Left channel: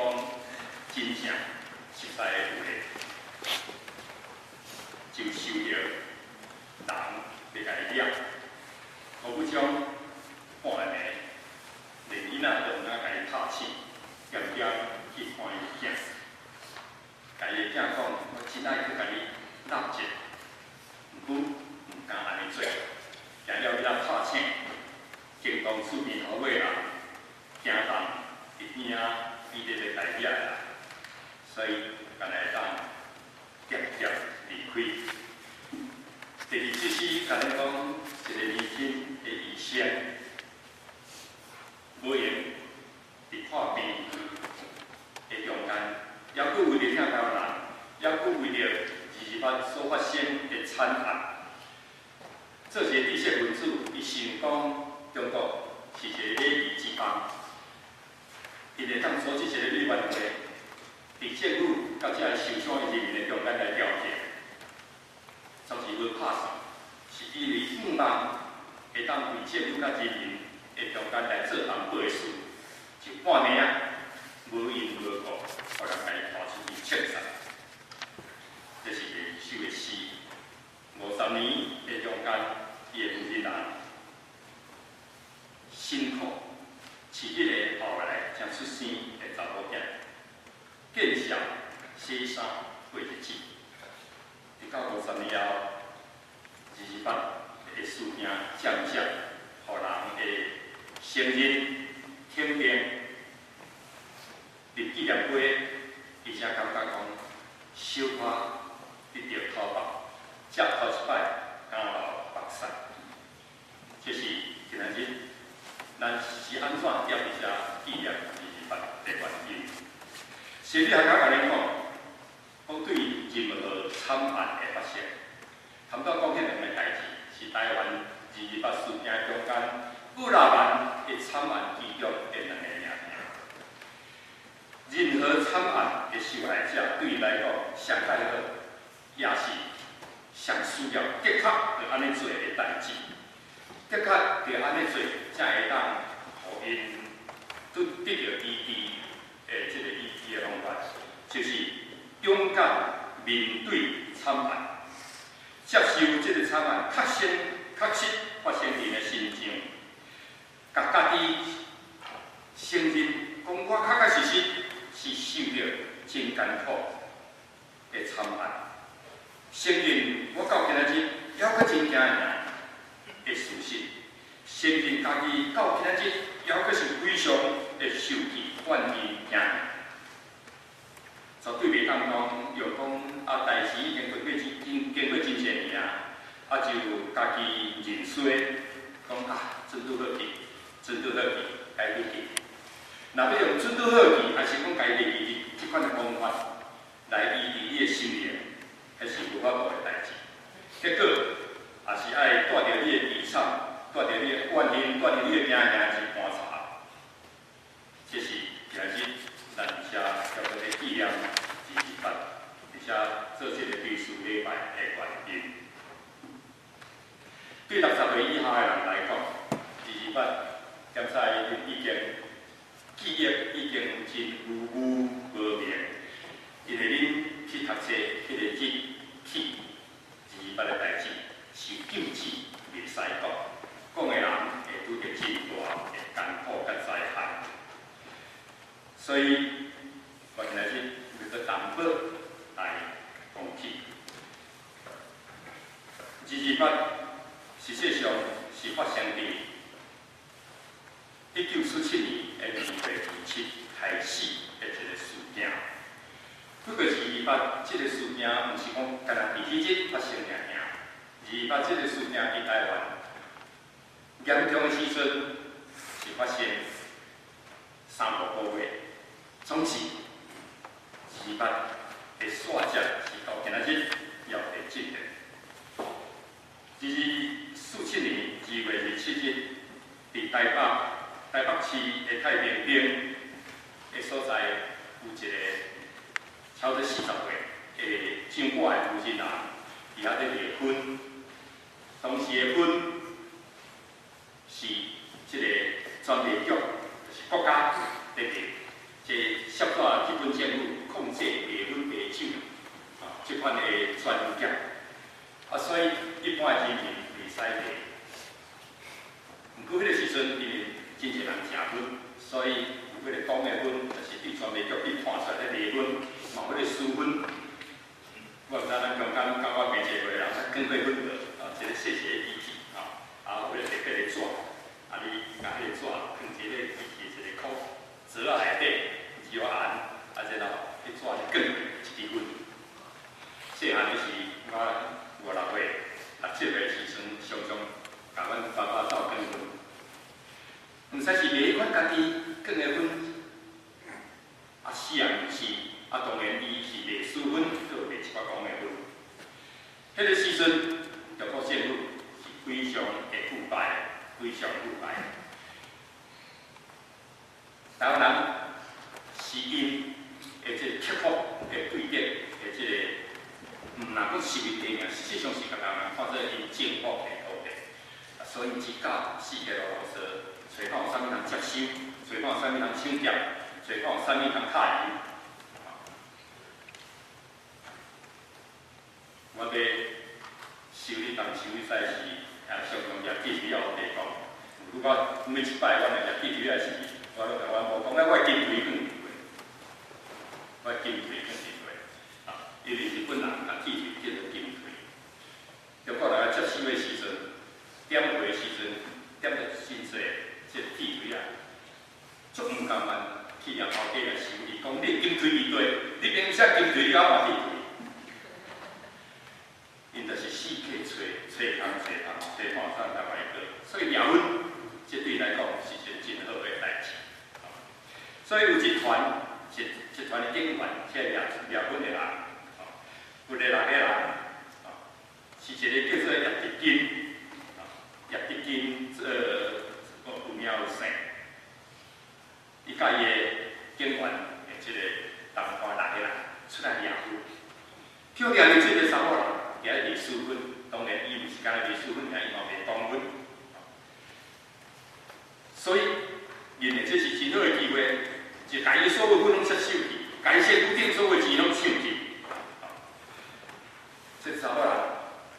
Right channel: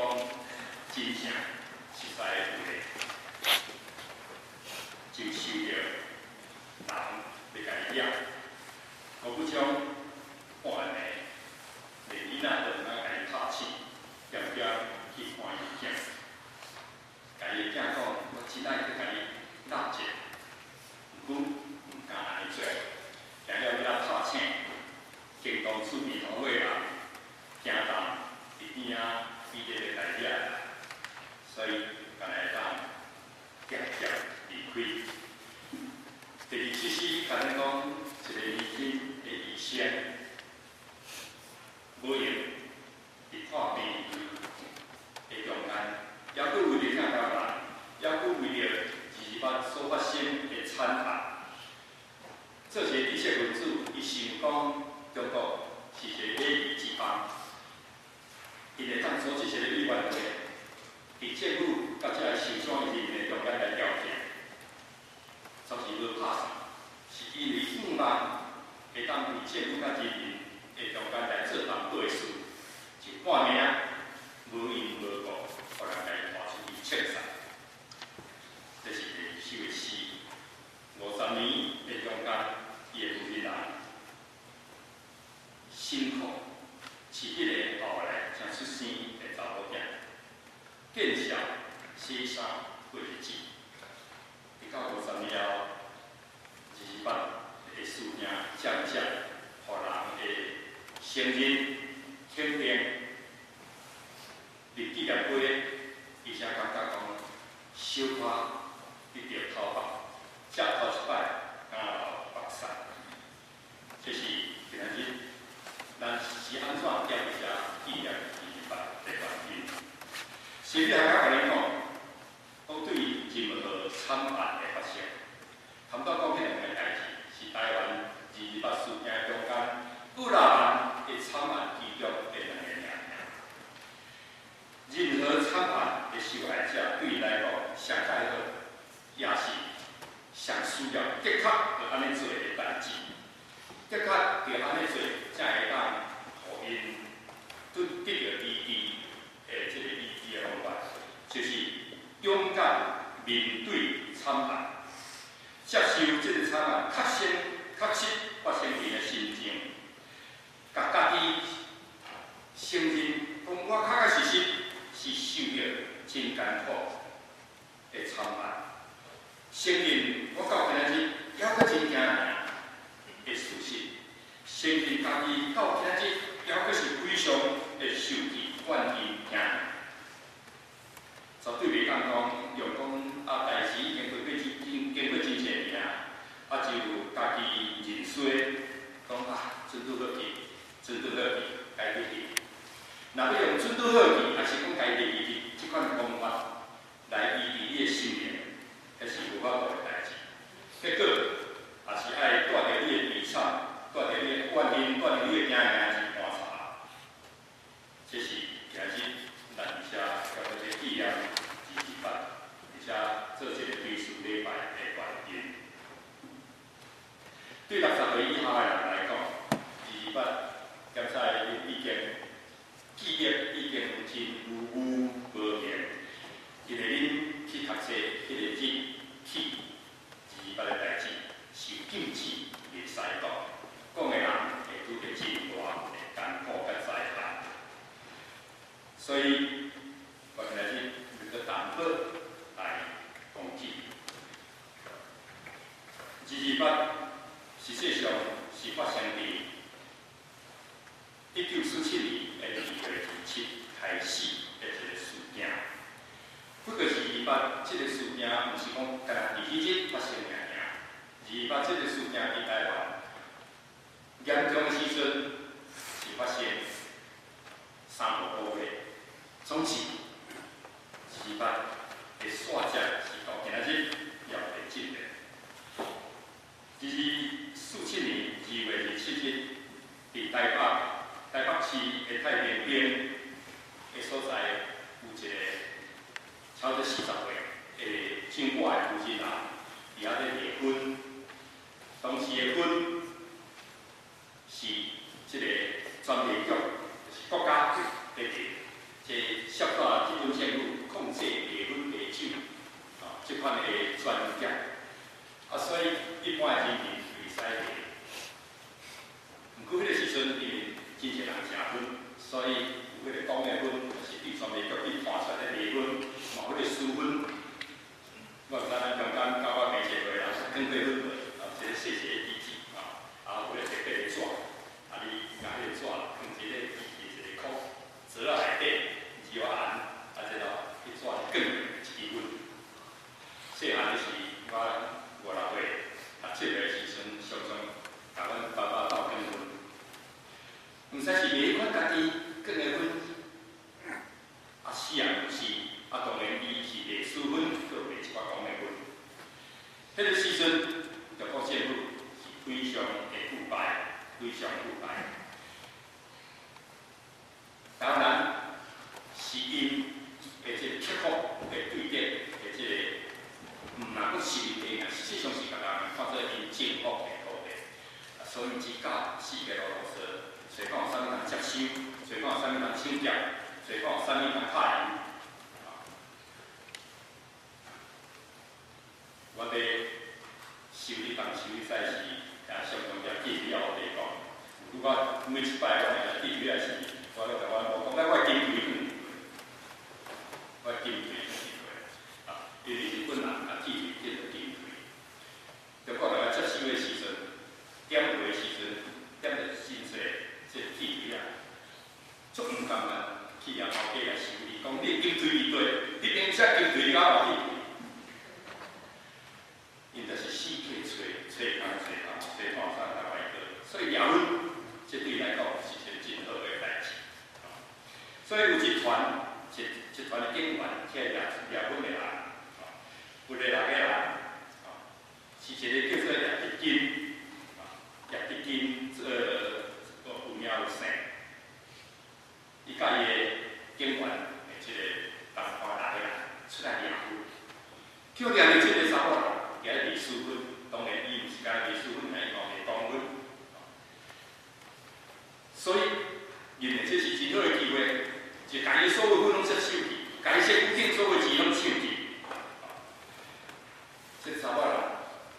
讲真正实在的有个，就受着人要甲伊掠，我不将半暝连囡仔都毋敢甲伊拍醒，点点去看伊囝，甲伊的囝讲，我真爱去甲伊纳者，毋敢安尼做，行了要拍醒，经过厝边头尾人，惊动伫边仔边咧甲伊掠啦，所以干来当渐渐离开。第二即是干咧讲一个年轻的医生，无用伫看病的中间，还佫为着听到人，还佫为着28所发生的惨案。这些知识分子，伊想讲中国是一个礼仪之邦，因会当组织一个委员会，伫政府甲遮受伤的人民的中间来调解，总是无拍算，是因为希望会当伫政府甲人民的中间来做同辈事，就半暝啊，无因无果，互人来拖出去切杀。这是第二首的诗。50年的中间，伊的负责人辛苦，是一个后来才出生的查某囝，见笑洗衫过日子。直到50年后，28的事件渐渐，互人的承认、肯定，立纪念碑，而且感觉讲小可得到头目。接头一摆，敢留目屎，这是今仔日咱是安怎踮伫遮纪念28的原因。心理学家甲恁讲，讲对任何惨案的发生，谈到讲迄两个代志，是台湾28事件中间500万的惨案其中的两个名。任何惨案的受害者对伊来讲，上介好，也是。上需要的确要安尼做的代志，的确要安尼做，才会当互因得到医治的这个医治的方法，就是勇敢面对惨案，接受这个惨案确实发生伫的心情，甲家己承认，讲我确实是受着真艰苦的惨案。承认我到今仔日还佫真惊人的事实，承认家己到今仔日还佫是非常的受气、怨气、惊，绝对袂当讲用讲代志已经经过真侪年啊，就家己认衰，讲准拄好去，该去去。若要用准拄好去，还是讲该去去，即款的方法来医治你的心灵。迄是无法度的代志，结果也是爱带着你的悲惨，带着你的怨恨，带着你的惊是搬查。这是今日咱伫遮叫做咧纪念28，而且做这个追思礼拜的原因。对60岁以下的人来讲，28检查已经记忆已经有真无明，因为恁去读册迄个日。去28的代志是禁止袂使讲，讲的人会拄着真大的艰苦甲灾害，所以我今仔日为了担保来讲起28，实际上是发生伫1947年的2月27开始的一个事件。不过28这个事件，毋是讲干那伫迄日发生28这个事件伫台湾严重的时阵是发生3-5个月，总之28的线者是到今仔日也会进的。47年2月27日，伫台北市的太平町的所在有一个。差不多40岁的掌管的负责人，伫遐咧离婚，当时的婚是即个专卖局，就是国家咧定，即协助日本政府控制茶粉茶酒即款的专业，所以一般的人民袂使喝。毋过迄个时阵，因为真侪人食粉，所以有迄个讲的粉，就是对传媒局去判出来迄个粉，嘛有迄个私粉。我毋知咱中间甲我平时会人更过粉无？一个细细的机器有迄个特别的纸，你甲迄个纸放一个机器一个壳，折到内底，摇按，然后迄纸就卷一支粉。细汉就是我5、6岁、6、7岁的时阵，常常甲阮爸爸斗卷粉。毋使是卖款家己卷的粉，是也毋是，当然伊是卖私粉，搁卖一寡公的粉。迄个时阵，中国政府是非常的腐败，非常腐败。台湾人是因的即个刻薄的对待的即个，毋若讲实力的尔，实际上是甲人看做因政府的土地，所以一家四个老老实，找看有啥物人接收，找看有啥物人抢劫，找看有啥物人敲人。我伫收你当收你使是，也常常也记住我地讲。如果我每一摆我也记住也是，我就甲阮某讲，我金腿放伫我金腿放伫因为日本人甲记住叫做金腿。中国人接收的时阵，点货的时阵，点着真济即个铁腿足毋甘愿去让头家来收你，讲你金腿伫底，你明写金腿，你敢换铁腿？因就是四处找看啥台湾个，所以抓粉，这对来讲是一个真好的代志。所以有一团的警员，即个抓粉的人，有6个人，是一个叫做叶德金，有名有姓，伊甲伊的警员的即个同伴6个人出来抓粉，叫抓的即个查某人。也咧卖私粉，当然伊毋是干卖私粉，伊嘛卖公粉。所以，认为这是真好的机会，就家己所有粉拢接收去，家己身躯顶所有钱拢收去。这查某人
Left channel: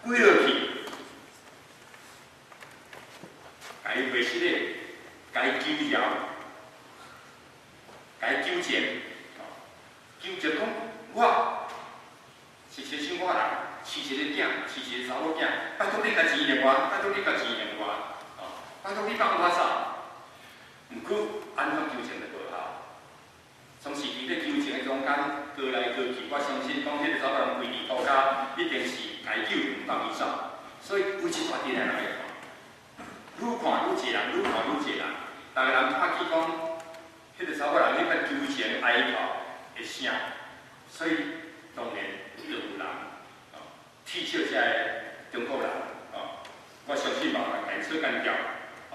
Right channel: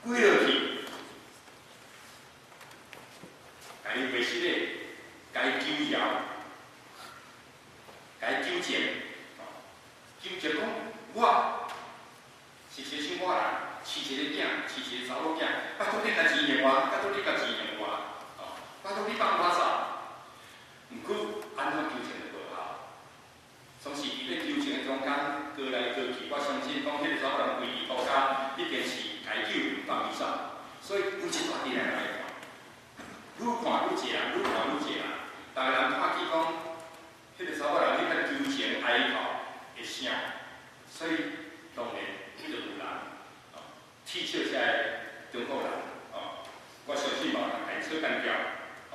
跪落去，家己卖失礼，家己求饶，家己纠正，纠正讲我是亲生我人。饲一个囝，饲一个查某囝，拜托你甲钱用我，拜托你甲钱用我，拜托你放我走。毋过安怎纠正就无效，总是伫咧纠正的中间，过来过去，我相信讲迄个查某人规日到家，一定是该救唔放伊走。所以有一大阵人来看，愈看愈济人，愈看愈济人，逐个人拍起讲，迄个查某人迄个纠正哀嚎的声，所以当然就有人。踢笑遮个中国人，我相信无人会做干掉，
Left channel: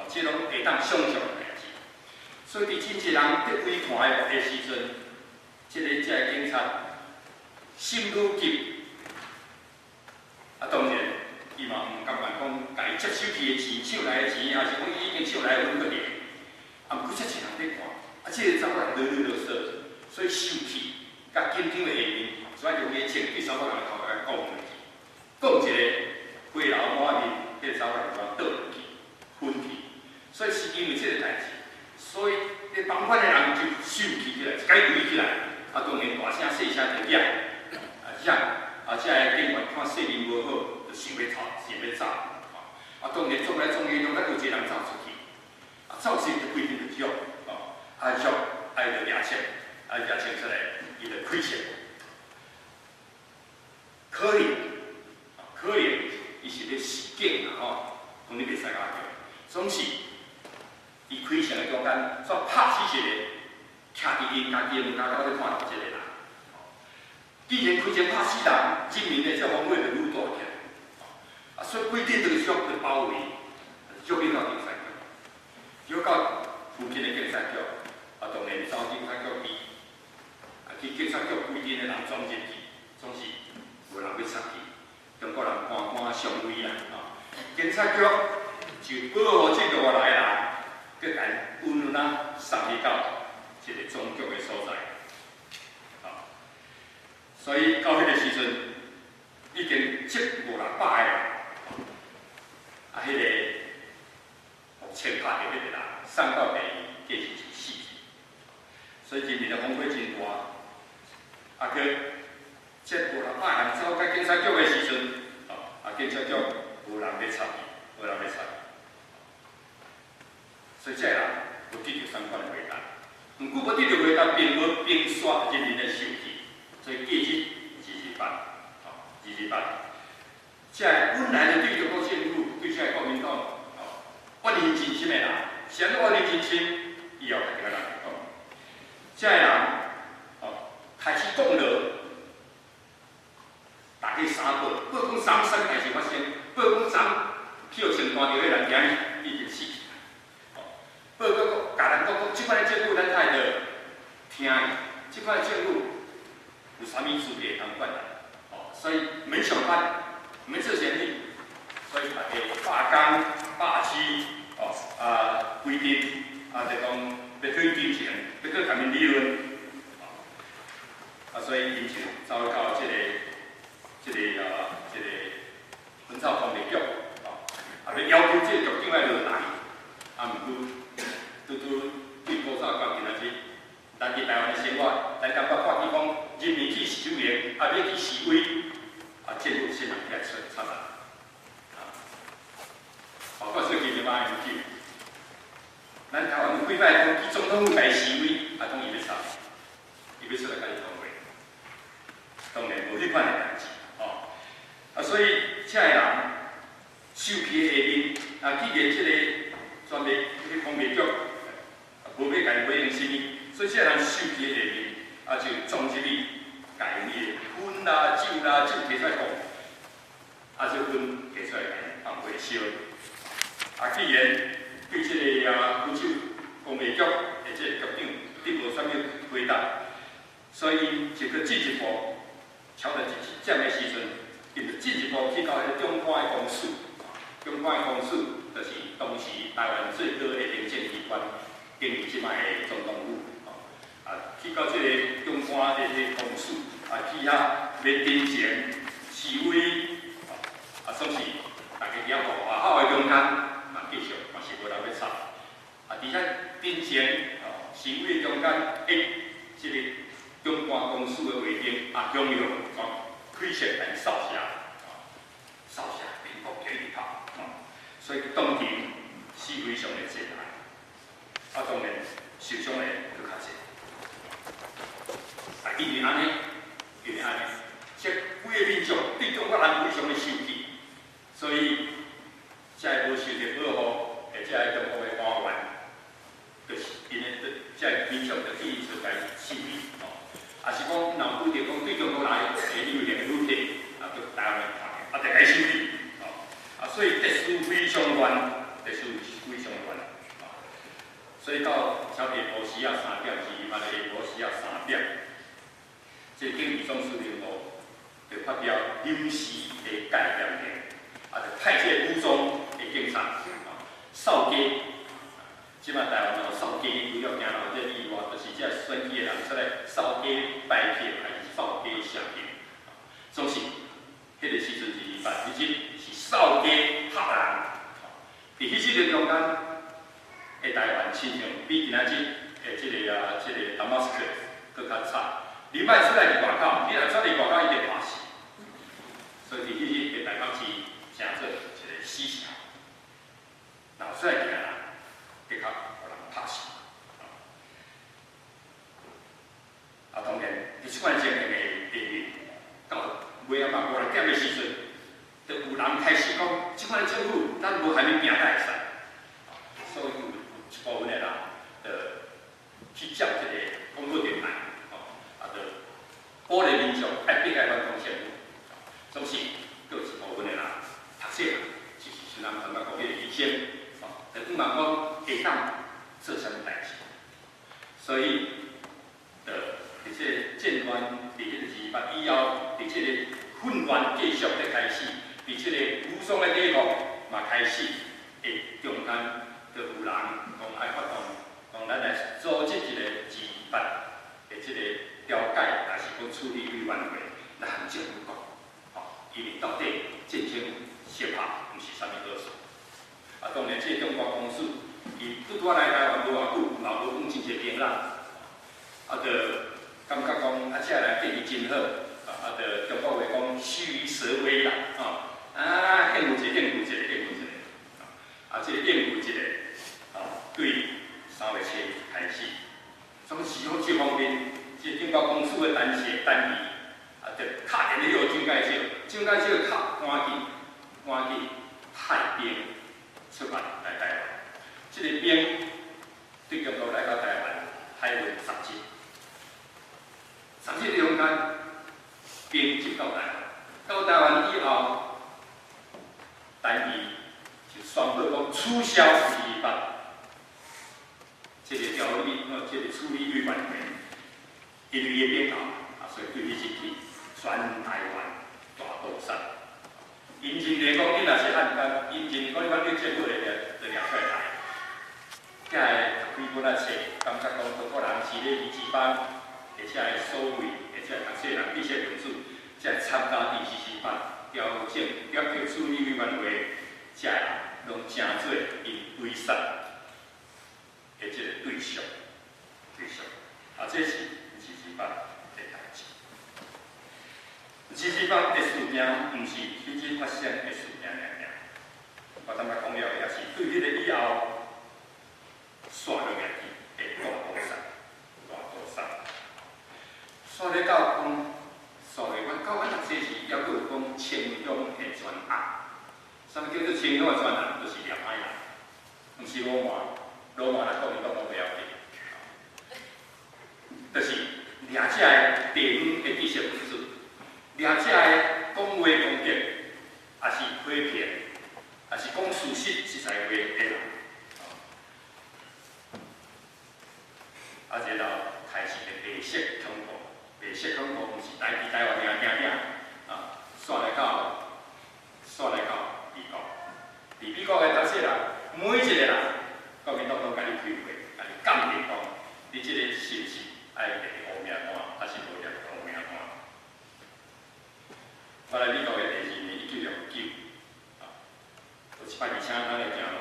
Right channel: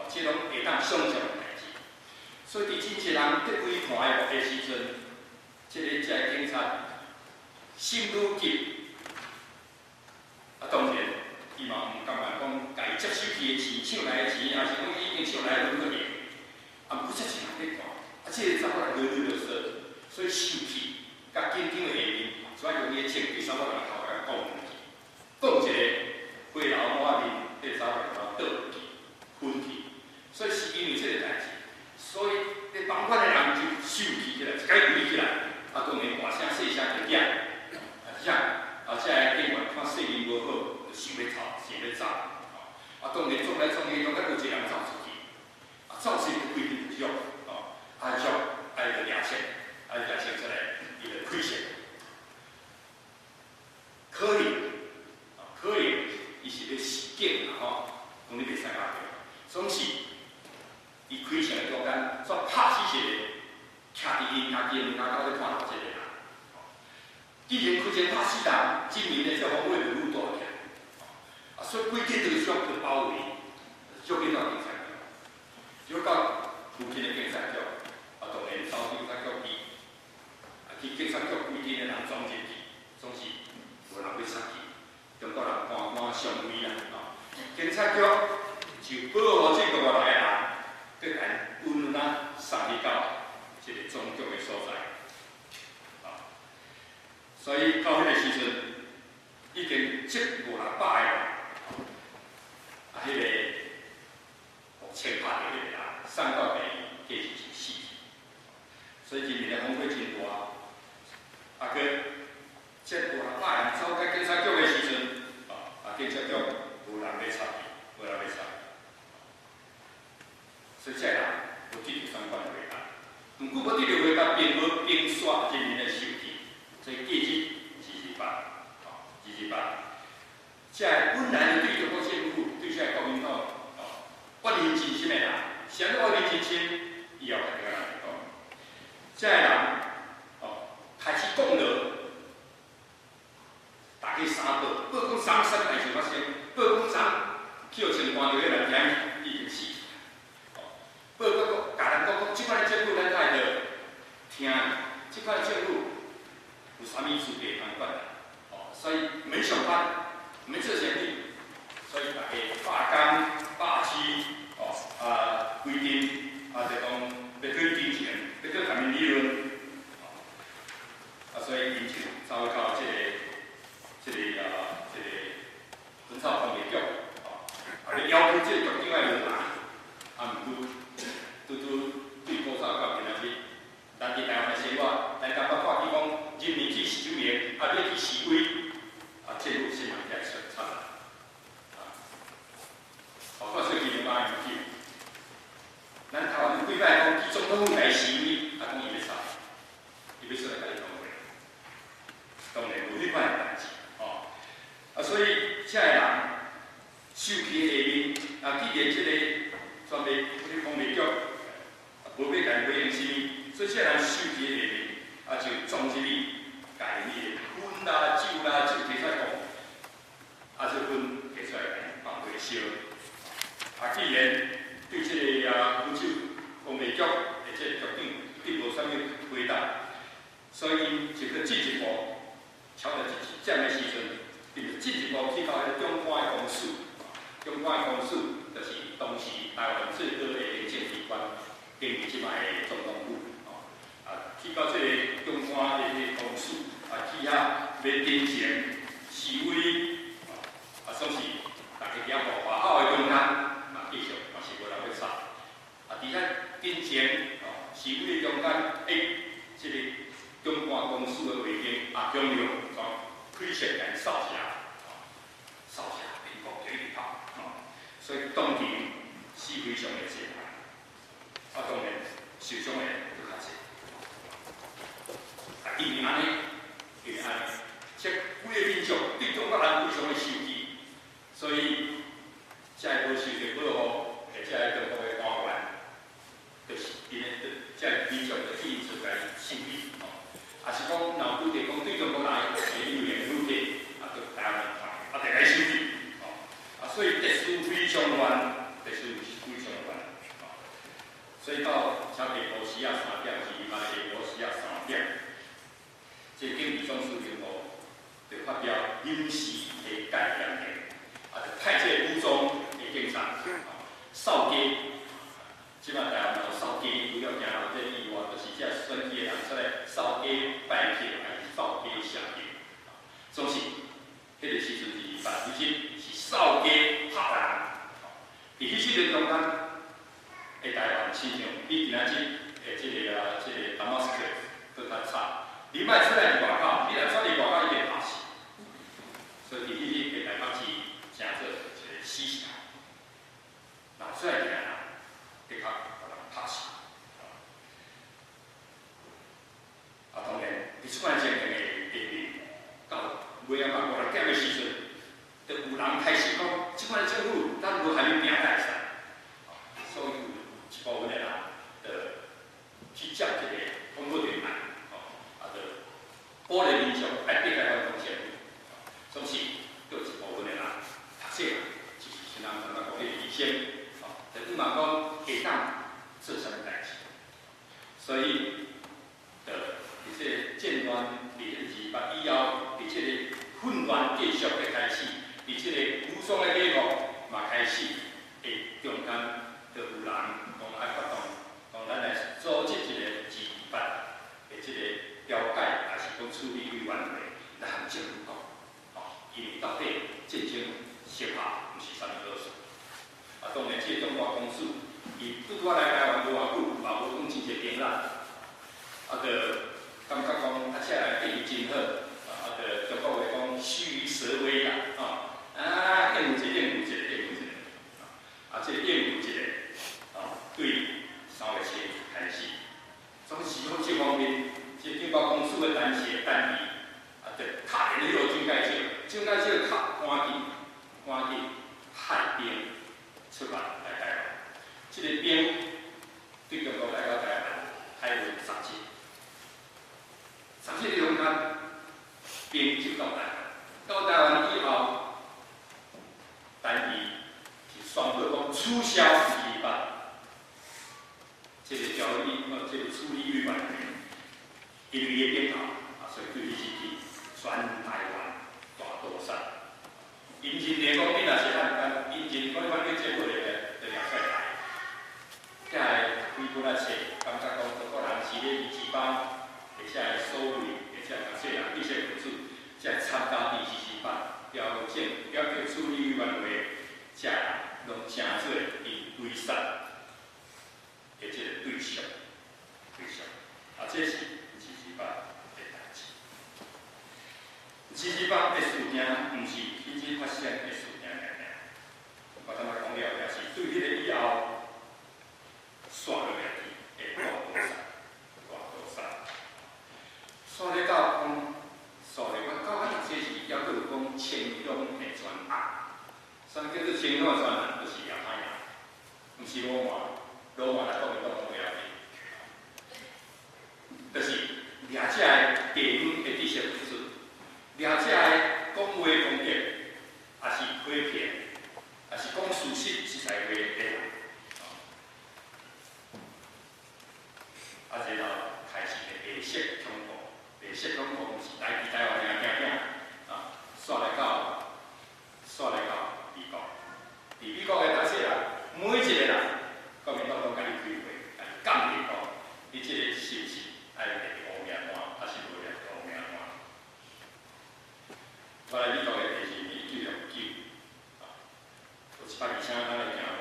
即拢会当想象的代志。所以伫真侪人伫围看的时阵，即个警察心愈急，当然伊嘛毋甘愿讲家己接收去的钱、抢来的钱，还是讲已经抢来的粉去，毋过遮侪人伫看，即个查某人啰啰嗦嗦，所以生气，甲紧张的下面，所以用伊穿第三个人头来讲。讲一个花楼满面，迄个查某人就倒落去，昏去。所以是因为这个代志，所以咧同款的人就受气起来，一解围起来，当然大声细声就嚷，这个警员看势面无好，就想要走，当然撞来撞去，拢甲有一个人走出去，走出就规定就喐，喐，伊就抓枪，抓枪出来，伊就开枪，可能伊是咧示警讲你袂使拍着，总是伊开枪的中间，煞拍死一个徛伫因家己的门口咧看即个人。既然开枪拍死人，证明咧这风险就愈大起来。所以规定这个小就包围，捉你到警察局，捉到附近的警察局，当然走警察局去警察局规定的人装进去，总是无人要插去。中国人看上位啦，警察局就保护这个外来的人，佮甲温暖送去到一个总局的所在。所以到迄个时阵，已经接500-600个人，迄个互枪拍着迄个人，送到病院，计是就死去。所以人民的风火真大，去接500-600个人走到警察局的时阵，警察局无人要插伊，无人要插伊。所以这人有得到相关的回答，毋过无得到回答，并无并刷人民的手气，所以记日228，这本来对中国政府、对这国民党，怨念真深的人，谁都怨念真深，以后就跟人讲，这人，开始讲了，大家三报讲啥代志发生，报讲啥叫穿单着的人惊已经死去。报告甲人讲，即摆政府咱太着听，即摆政府有啥物事给通管的？所以免上班，免做生意，所以大家罢工、罢市，规定就讲要退金钱，要退下面利润，所以因就走到这个本草工业局，要要求这个局长要落台，毋过。对古早到今仔日，咱伫台湾的生活，咱感觉看见讲人民去示威，要去示威，政府先人来插人，包括最近的马英九，咱台湾有几摆讲去总统府来示威，讲伊要插，伊要出来甲你讲话，当然无迄款的代志，所以这个人受气的下面，既然这个专门去工业局。无要家己回应什么，所以这人受气的下面，就撞入去，家己的烟啦、酒啦、酒摕出来讲，就烟摕出来放回烧。既然对这个福州工业局的这个局长并无啥物回答，所以就去进一步，超到这的时阵，伊就进一步去到中官的公署，中官的公署就是当时台湾最高的行政机关。经历即摆的总统府，去到这个中官的这个公署，去遐要进行示威，总是大家伫遐外口的中间，继续嘛是无人要插，伫遐进行示威的中间，这个中官公署的卫兵强用开枪来扫射，扫射民国就一直跑，所以当庭是非常的济人。当然，受伤的佫较济。因为安尼，这规个民族对中国人非常的生气，所以才无受到保护，而且中国的官员，就是因为这民族就去出来示威，也是讲若拄着讲对中国人会有言语的，就台湾就来示威，所以特殊非常冤，特殊非常冤。所以到差不多下晡时啊3点，是下晡时啊3点，这警备总司令部就发表临时的戒严令，就派这武装的警察扫街。即摆台湾有扫街，除了行路这以外，就是这选举的人出来扫街拜票，还是扫街射票，总是迄个时阵是8日是扫街拍人，伫迄时阵中间。台湾亲像比今仔日这个达马斯克佫较差，你莫出来伫外口，你若出嚟外口一定拍死。所以伫迄日台北市成做一个死城，若出来行人，的确互人拍死。当然，伫即款情形的地面，到尾仔嘛5、6点的时阵，就有人开始讲，即款政府咱无下面拼才会使，所以。一部分的人，去接这个广播电台，就鼓励民众压迫来反抗政府，总是有一部分的人读册人，就是像人感觉讲，迄个医生，就不茫讲会当做啥物代志，所以，伫这战乱伫迄2月以后，伫这个混乱继续的开始，伫这个武装的继续嘛开始，中间就有人。爱发动，讲咱来组织一个自办的这个调解，还是讲处理委员会，我来台湾无偌久，嘛无讲真侪经啦，就感觉讲这来对伊真好，就中国话讲虚蛇威啦，应付一个，应付一个，应付一个，这个应付一个，对3月7开始，从时候这方面，这警报公司的单词单字，就敲电去予蒋介石，蒋介石敲赶紧派兵出发来台湾。这个兵对中国来到台湾，海运10日，10日中间，兵进到台湾，到台湾以后，单字是宣布讲取消428，这个条例，这个处理预案里面，因为伊变大，所以对伊是去全台湾大屠杀。因认为讲，你若是按因认为讲，反正政府就掠出来。才会读几本册，感觉讲中国人是咧二次班，而且会所谓，而且读册人知识分子，才会参加第4班，调解处理委员会，才会拢成做因围杀的这个对象。这是2班的代志。2班的事件，毋是迄日发生的事件尔。我坦白讲了，也是对迄个以后。刷落来去的大屠杀，刷了到讲，刷了阮到读册时，还佫有讲青乡的专案。啥物叫做青乡的专案？就是叶歹人，毋是罗马来国民党拢袂晓记，就是掠这个地方的知识分子，掠这个讲话攻击，也是欺骗，也是讲事实在话的人。然后开始的白色恐怖，白色恐怖毋是台湾尔煞来到美国，伫美国的读册人，每一个人，国民党拢甲你开会，甲你鉴定讲，你这个是毋是爱立乌名单，还是无立乌名单？我来美国的第2年1969，有120天咱来行路，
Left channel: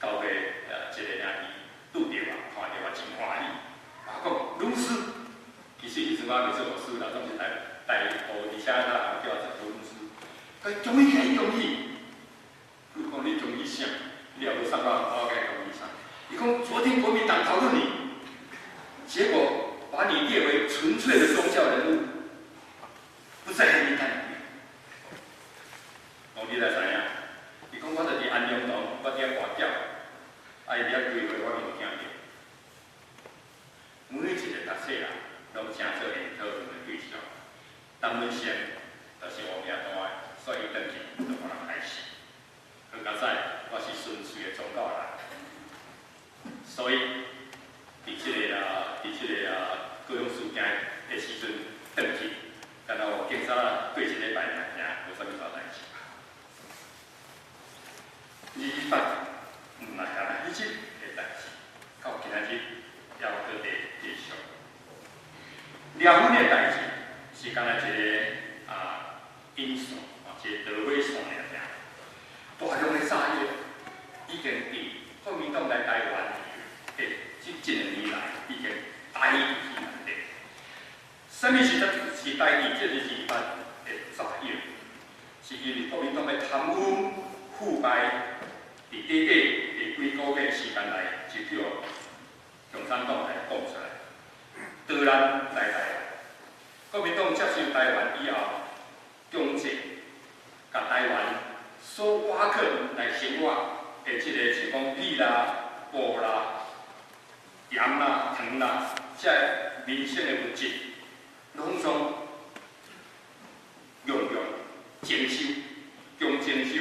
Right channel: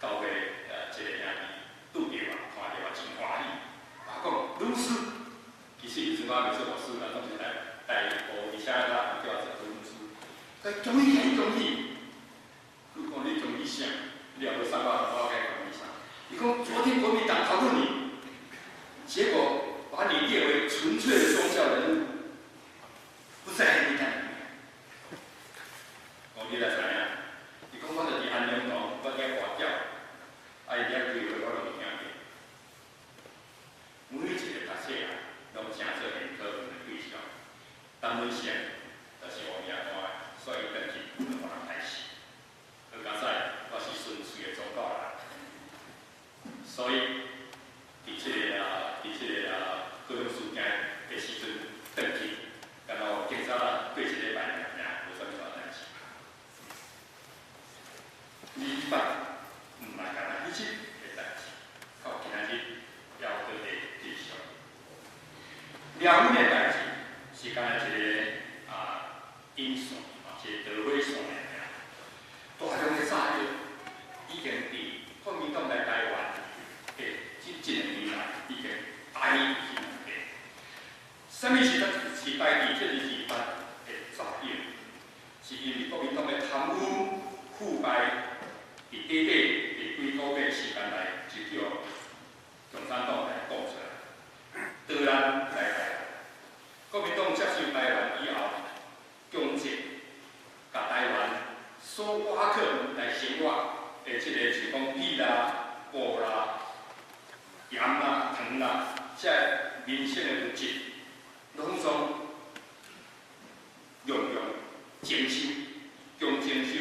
到尾一个兄弟拄着我，看着我真欢喜。我讲律师，其实以前我未做律师啦，总是代步，而且咱也叫我做律师。中医讲中医，佢讲你中医啥？你也无上到我该中医啥？你讲昨天国民党讨论你，结果把你列为纯粹的宗教人物，不在黑名单里面。讲你来知影？伊讲我就是安阳堂，我惊挂掉，伊了规划我拢听见。每一个读册人拢成做因讨论的对象。当然先就是乌名单，所以登记就可能开始。好佳哉，我是纯粹的宗教人，所以伫这个各种事件的时阵登记，然后警察过1礼拜尔无啥物大代志。2班毋是干那迄日的代志，到今仔日还有搁在继续。了阮的代志是干那一个因线一个导火线尔。大量的炸药已经伫国民党来台湾的这1年来已经大量去内底。什么是代替这2班的炸药？是因为国民党的贪污腐败。伫短短的几个月时间内，就叫共产党来讲出来。突然来台湾，国民党接受台湾以后，强制甲台湾所挖克来生活的这个像讲米啦、布啦、盐啦、糖啦，这民生的物质，拢总用征收、强征收，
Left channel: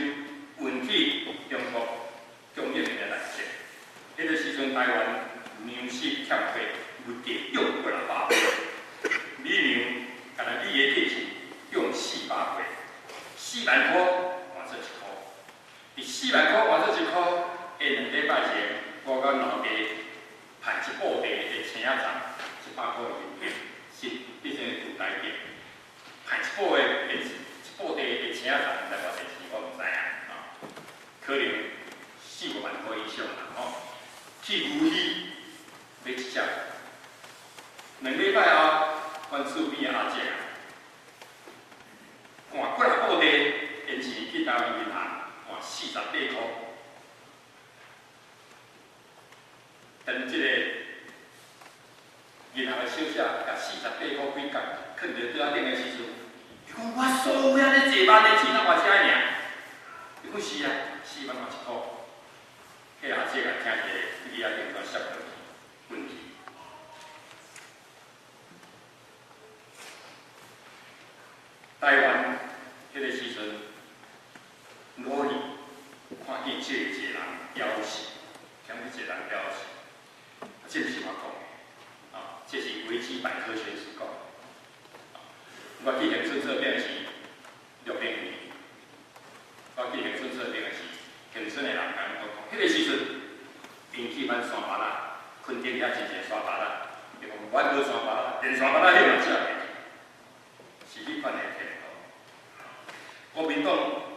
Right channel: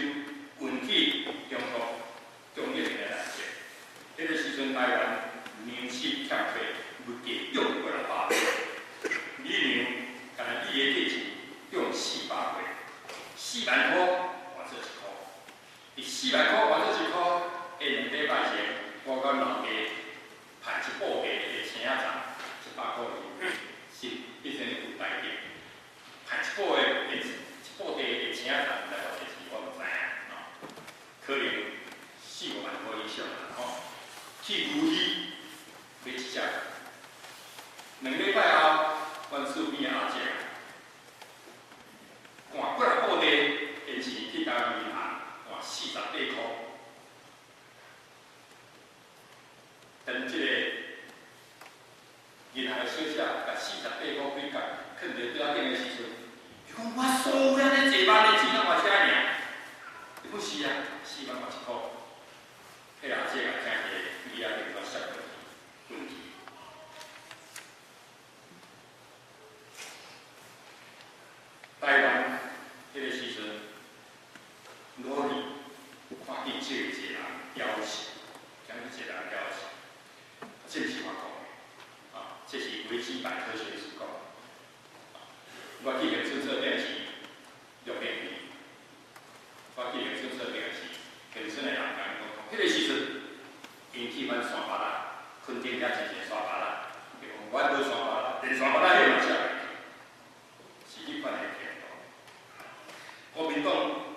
运去中国。中国人的来源，迄个时阵台湾粮食欠费，物价用过了8倍，米粮，干那米的价钱用400倍，400块换做1块，伫400块换做1块，下2礼拜前，我甲老爸派一布袋的青仔粽，100块元，是变成有台币，派一布袋的青仔粽来偌济钱，我毋知影，可能。4、5万块以上啦，去牛鱼买一只。2礼拜后，阮厝边阿姐换过来布袋，因钱去台湾银行换48块。等即个银行的小姐甲48块几角囥伫桌仔顶的时阵，伊讲我所有安尼济万的钱，哪偌遮尔？伊讲是啊，4万偌1块。迄阿姐甲听起来，伊阿电话摔落去，昏去。台湾迄个时阵，努力看见这一个人枵死，看见一个人枵死，这是我讲的，这是维基百科全书讲的。我去乡村做电视6年，我去乡村做电视，乡村的人甲我讲，迄个时阵，因去阮山巴拉，垦丁遐真侪山巴拉，伊讲阮无山巴拉，连山巴拉你嘛食袂起，是迄款的程度。国民党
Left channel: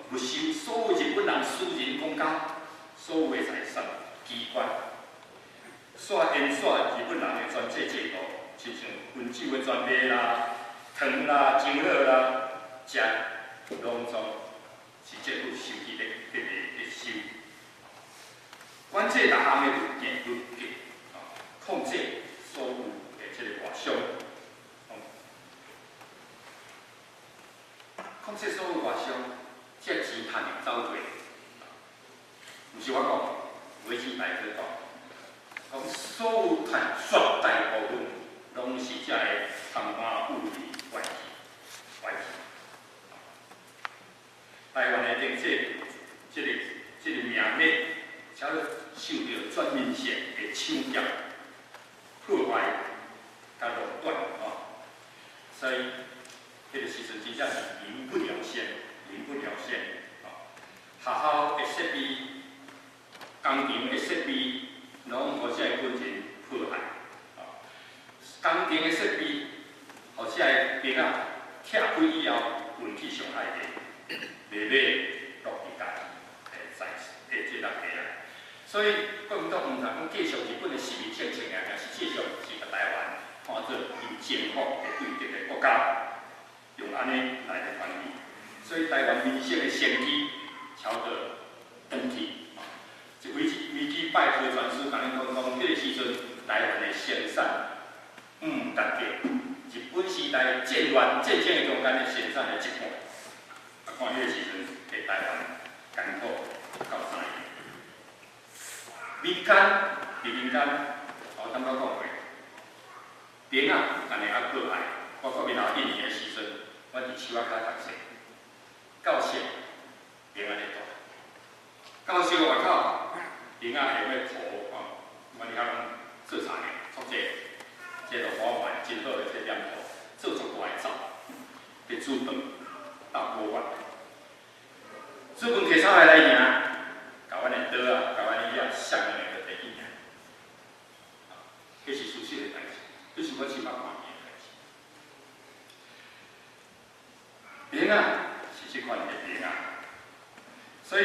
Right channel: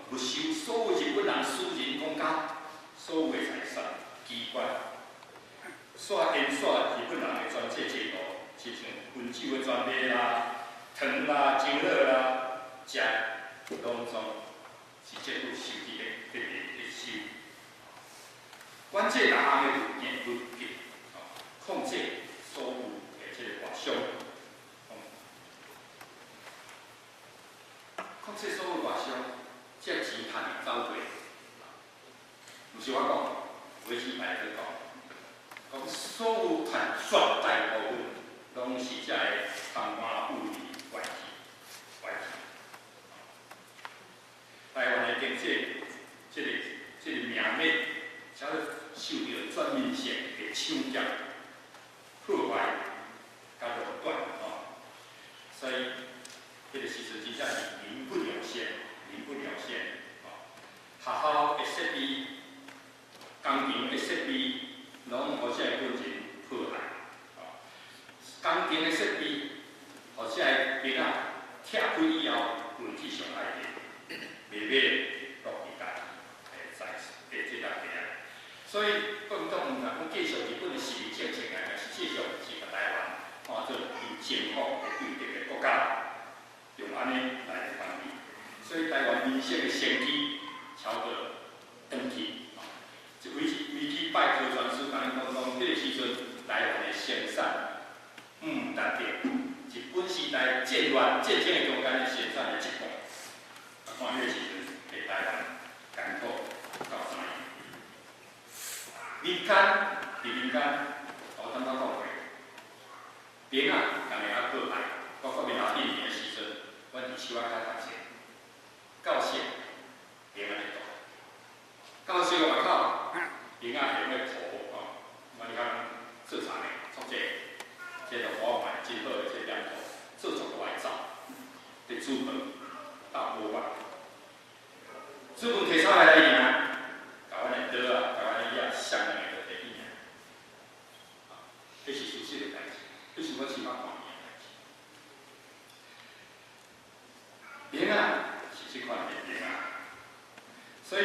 没收所有日本人私人公家所有的财产机关，沿日本人的专制制度，亲像温酒的专卖啦、糖啦、精酪啦，食拢总是政府收去的收。管制各项的物件控制所有的这个外商，控制所有外商，这钱赚的走过，毋是我讲，维基百科讲所有赚绝大部分拢是这个贪官污吏外籍。台湾的政策，这个名列，才受到全面性的抢劫、破坏、甲垄断所以，迄个时阵真正是民不聊生，民不聊生学校的设备、工程的设备，拢互这个军人破坏工程的设备，互这个兵仔拆开以后，运气上害的，袂买落去家己这个地啊。所以国民党唔通讲继续日本的实力政策啊，但是继续是把台湾看做以政府的对敌的国家，用安尼来管理。所以台湾民生的先机超过登去。一维基百科全书甲恁讲，迄个时阵台湾的生产达到日本时代战乱战争的中间的生产的一半。看迄个时阵的台湾艰苦到啥样？民间，我坦白讲过，兵仔安尼啊过来，包括闽南1年的时阵，阮伫树仔骹读册，到册兵仔咧读，到册外口兵仔会要涂阮伫遐做茶呢，做这个花环真好的这染布，做足大个走，伫煮饭到锅碗，煮饭摕啥来赢？甲阮的刀啊，甲阮的叶削安尼就摕去赢。这是熟悉的代志，这是我起码看见的代志。兵啊，是这款的兵啊，所以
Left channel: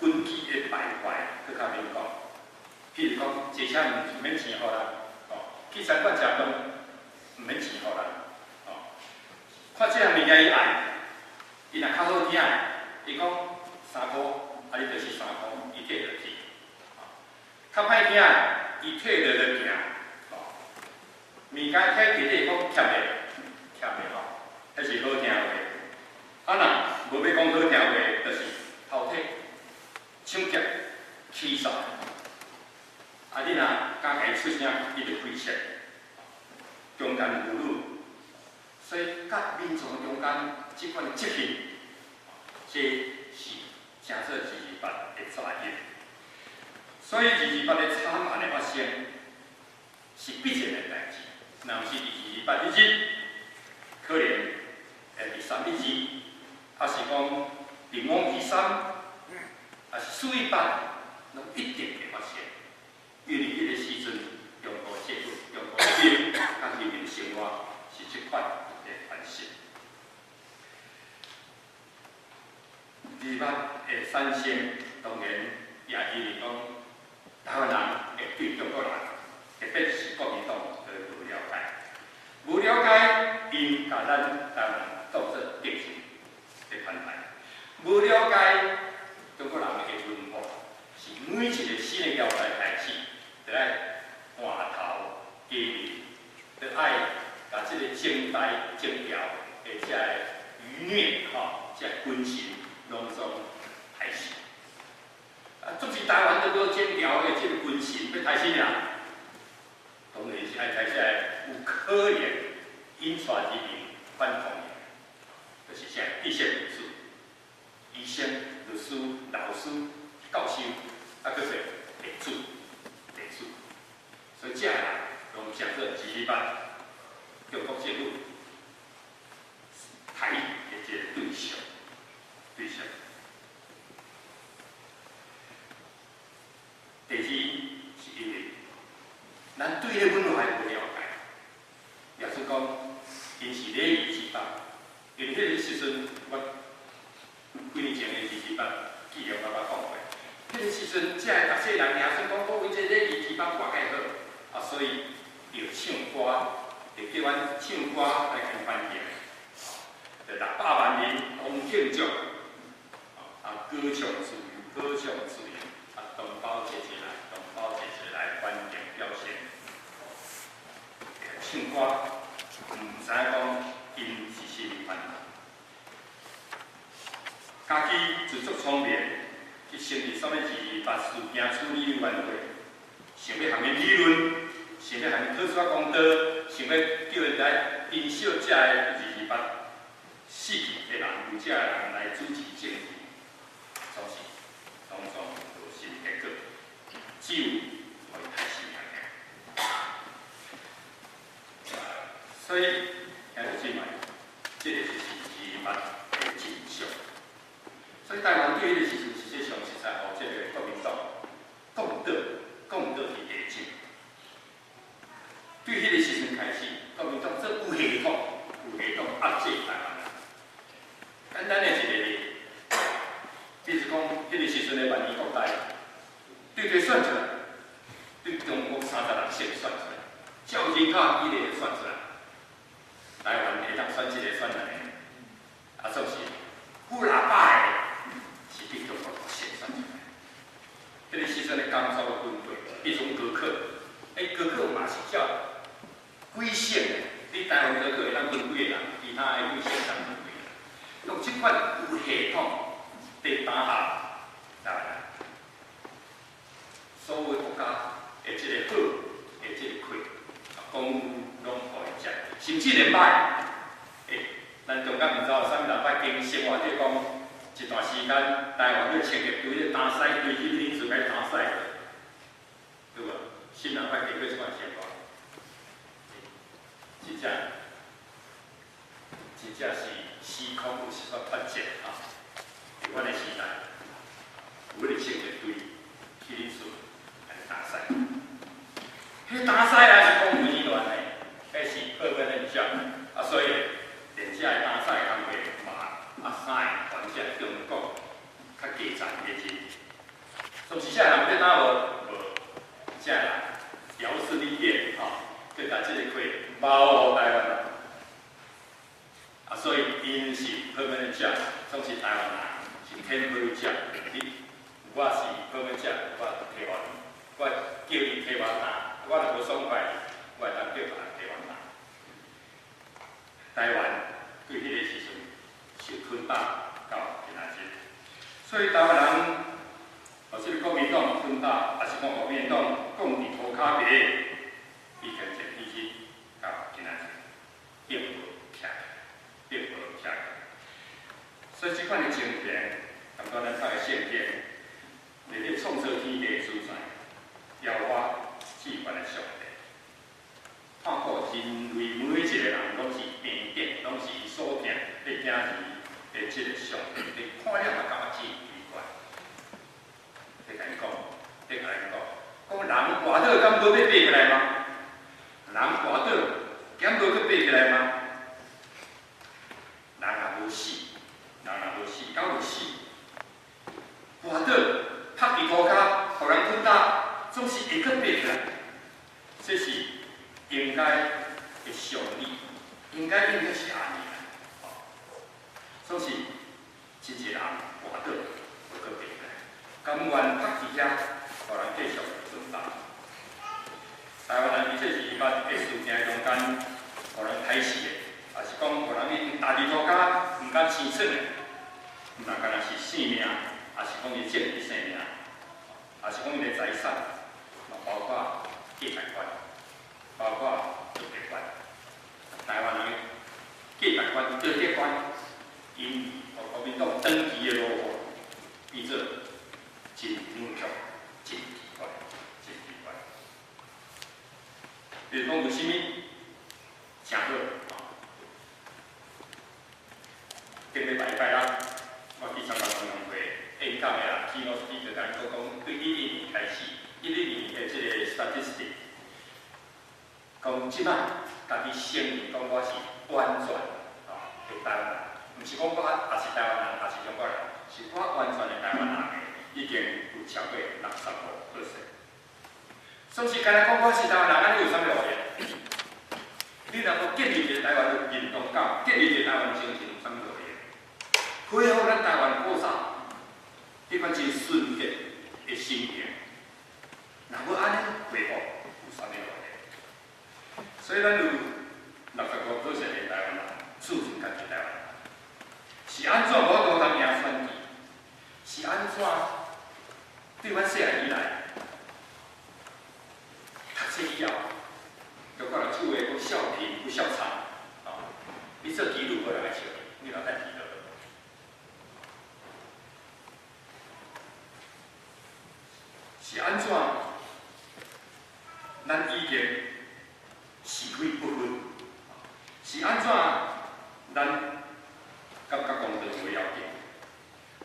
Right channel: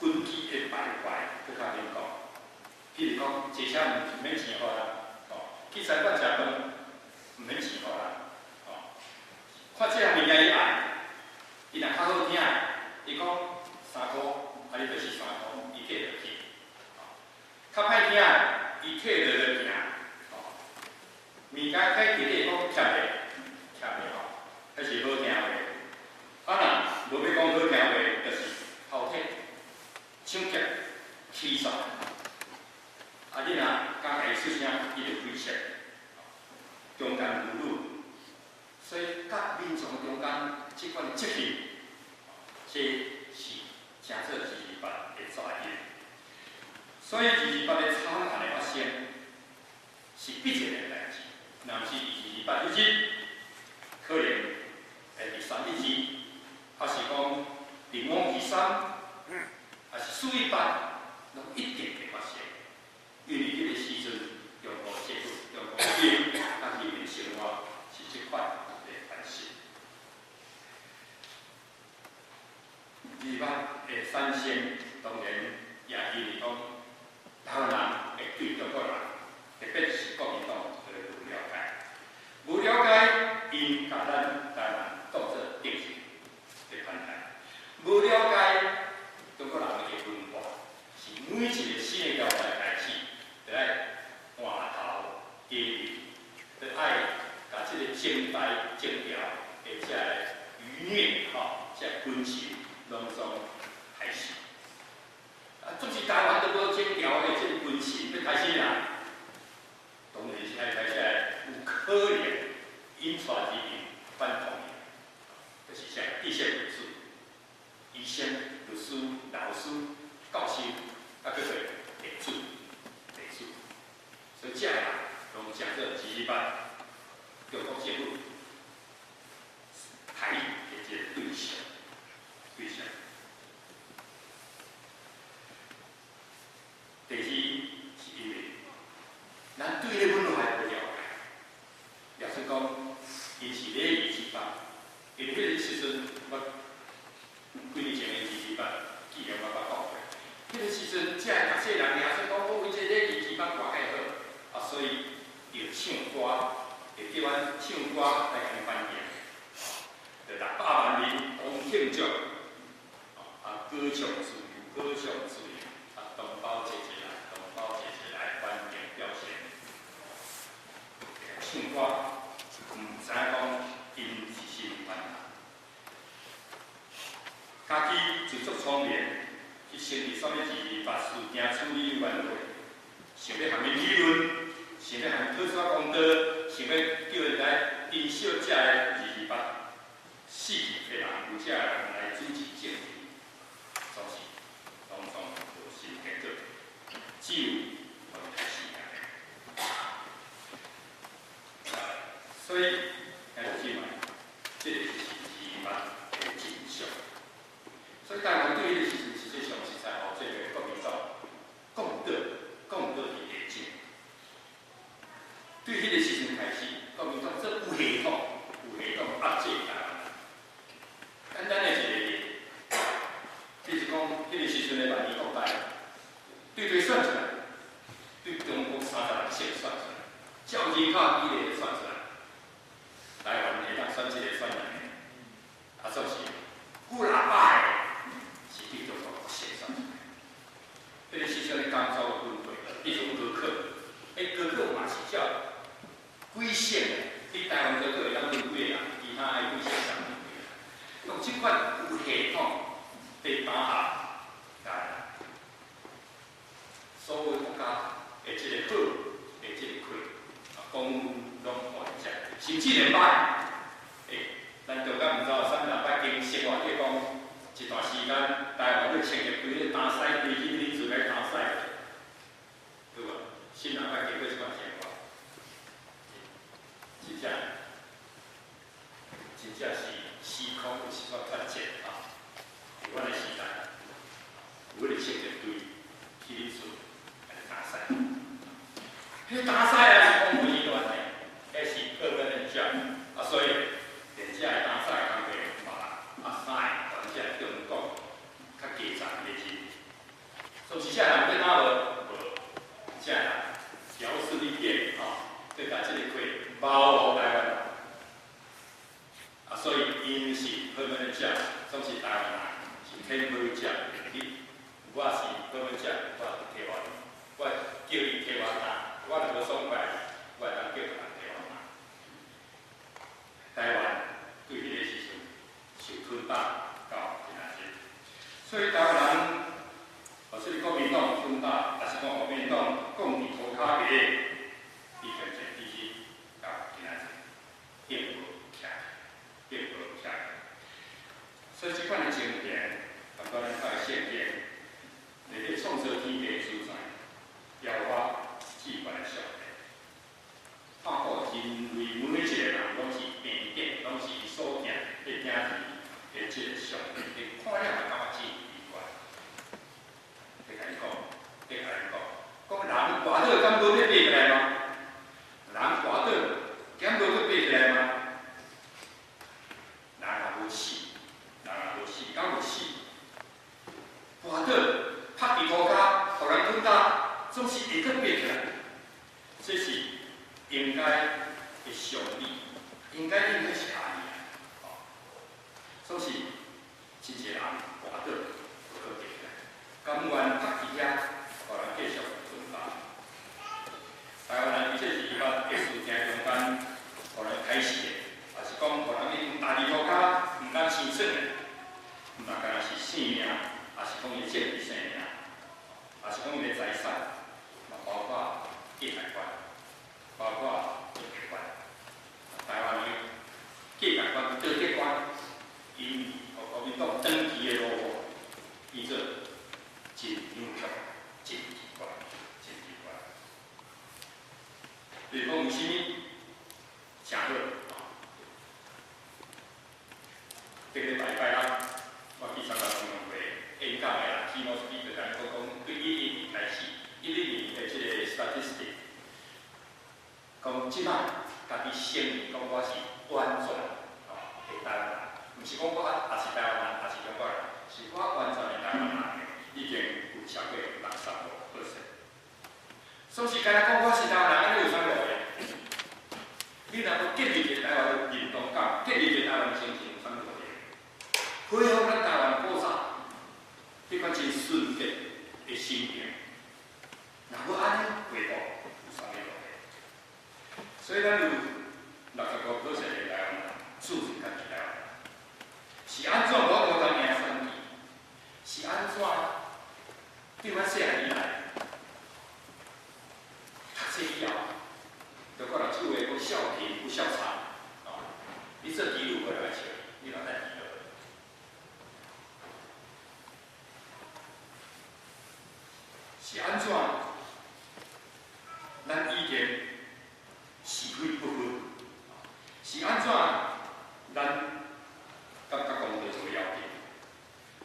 军纪的败坏，搁较免讲。譬如讲，坐车唔免钱互人，去餐馆食饭唔免钱互人，看这项物件伊爱，伊若较好听，伊讲3箍。你就是3箍，伊摕落去。较歹听，伊摕落就行。物件摕伫底讲欠袂，欠袂迄是好听话。若无要讲好听话，就是偷摕、抢劫、欺诈。你若敢会出声，伊就开枪，中间侮辱。所以，甲民众中间即款责任，这是。诚做228的责任，所以228的惨案的发生是必然的代志。若毋是228日，可能第3日，还是讲灵王第3，还是418，拢一定会发生。因为迄个时阵，中国制度、中国兵甲人民生活是这款的关系。228的产生，当然也因为讲台湾人会对中国人，特别是国民党，无了解。无了解，因甲咱台湾当作敌人的款待。无了解中国人的文化，是每一个新的朝代开始，就爱换头家己，就爱甲即个征台征调，而且余孽即军情拢总开始。总是台湾都无征调的即个军情要开始啦，当然是爱开始有可能引出之民反抗的，就是啥知识分子、医生、律师、老师、教授，搁会地主，所以这个人拢讲做228中国政府台的一个对象。第二是因为咱对迄文化无了解，也算讲因是礼仪之邦。因迄个时阵，我几年前的228记录我讲过，迄个时阵，这读册人也算讲我为这礼仪之邦挂介好，所以要唱歌，就叫阮唱歌来甲因翻译，就600万人同庆祝，歌唱自由，同胞节来欢迎表现。唱歌，唔知讲因是甚么烦恼，家己自作聪明，去成立什么228事件处理委员会，想要含伊理论，想要含伊讨出公道，想要叫人来因小这个228死去的人，由这人来主持政治，总是拢总无甚结果，只有互伊开始所以，咱就证明，这个就是228的真相。所以台湾对迄个时阵，实际上是在互这个国民党讲到去下境。对迄个时阵开始，国民党做有系统压制台湾人。简单的一个例，比如讲，迄个时阵的万年国代，对选出来，对中国30人先选出来，照人口比例选出来。台湾会当选一个选两个，总是富喇叭的，是对中国先选出来。迄个时阵的工作的分配，比如讲高考，高考嘛是照几省的，你台湾高考会当分几个人，其他的几省当分几个人。用即款有系统的打下台湾，所有国家的即个好，的即个亏，公务拢互伊食。甚至连歹，咱中间毋知有啥物人捌经生活，即讲一段时间，台湾咧穿个规咧打赛，规迄日子来打赛，对无？新人捌经过即款生活，真正是时空有时煞脱节啊！伫阮个时代，有咧穿个队去日子来打赛，迄打赛也是讲规乱诶。迄是报本的奖，所以连这个打赛工课嘛，啥个管这中国较基层的人，总是这人要哪无，这人调势力变对甲这个课包互台湾人，所以因是报本的奖，总是台湾人是天配奖，我是报本奖，我替我叫你替我打，我若无爽快，我会当叫别人。台湾对迄个时阵受吞打到今仔日，所以台湾人，或是国民党吞打，还是讲国民党讲伫涂骹白，伊渐渐日子到今仔日并无起来，所以即款的情形，感觉咱较会现见，你咧创造天地所在，了我至关的上帝。看过人类每一个人拢是平等，拢是所敬的囝儿的即个上帝，你看了嘛感觉真奇怪。甲因讲，人活倒敢无要爬起来吗？人活倒敢无要爬起来吗？人若无死，敢有死？活倒拍伫涂骹，互人吞打，总是会阁爬起来，这是应该的常理，应该是安尼啦。所以，真侪人活倒，会阁爬起来，甘愿趴伫遐，互人继续存在。台湾人伊这是伊捌历史正中间，互人开始的，也是讲互人伊大日国家毋敢生存的，毋但干那是性命，也是讲伊政治性命，也是讲伊的财产，嘛包括价值观，包括道德观。台湾人价值观、道德观，因互国民党长期的落后，变做真扭曲、真奇怪、真奇怪。比如讲有啥物诚好，顶礼拜六，我去参加公共会演讲的啦，keynote speaker甲讲对2012年开始，2012年的这个 statistic， 讲即摆家己承认讲我是完全的台湾人，毋是讲我也是台湾人，也是中国人，是我完全的台湾人，已经有超过65%。所以干那讲我是台湾人，安尼有啥路用？你若要建立一个台湾的认同感，建立一个台湾精神，有啥路用？恢复咱台湾古早迄款真纯洁的心情，若要安尼恢复，有啥物路用？所以咱有65%的台湾人自认家己台湾人，是安怎我都当赢选举？是安怎对阮细汉以来？读册以后，就可能厝诶不孝贫不孝差，你做记录无人来笑你，你老等记录。是安怎？咱已经是非不分，是安怎？咱感觉讲到最要紧，